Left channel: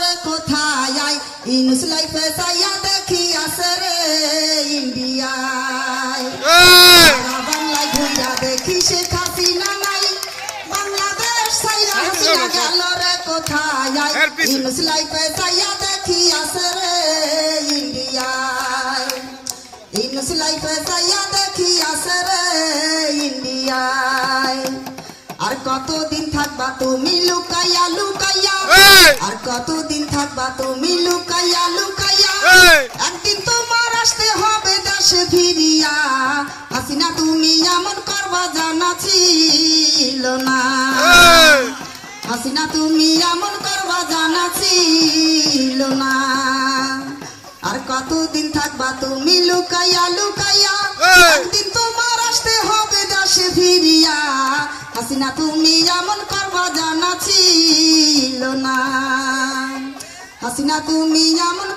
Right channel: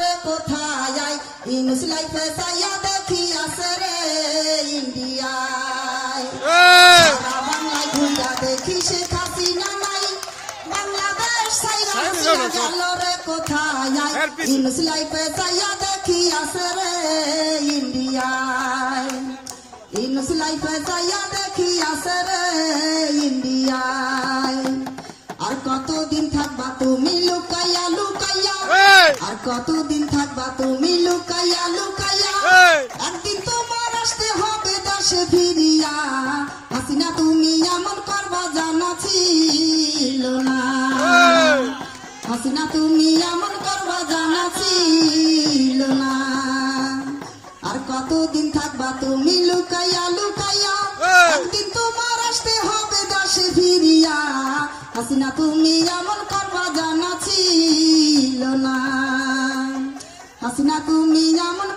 রে কোথায় ইনুস লাইফে চাইয়া দেখি আছে রে ইন্ডিয়ায় বাংলায় ঘুরিয়া দেখি শেখ হাসিনা নাই বাংলাদেশ চাইয়া হাসিনা গেল রে কোথায় ইনুস লাইফে চাইয়া দেখি আছে রে ইন্ডিয়ায় ইনুস লাইফে চাইয়া দেখি আছে রে ইন্ডিয়ায় আর কতদিন থাকবা তুমি লুকাইয়া লুকাইয়া আর কতদিন থাকবা তুমি লুকাইয়া লুকাইয়া একদিন তোমার আসতে হবে দেশে ফিরিয়া হাসিনা তুমি এমন করবা জানা ছিল না হাসিনা তুমি এমন করবা জানা ছিল না আর কতদিন থাকবা তুমি লুকাইয়া লুকাইয়া একদিন তোমার আসতে হবে দেশে ফিরিয়া হাসিনা তুমি এমন করবা জানা ছিল না হাসিনা তুমি এমন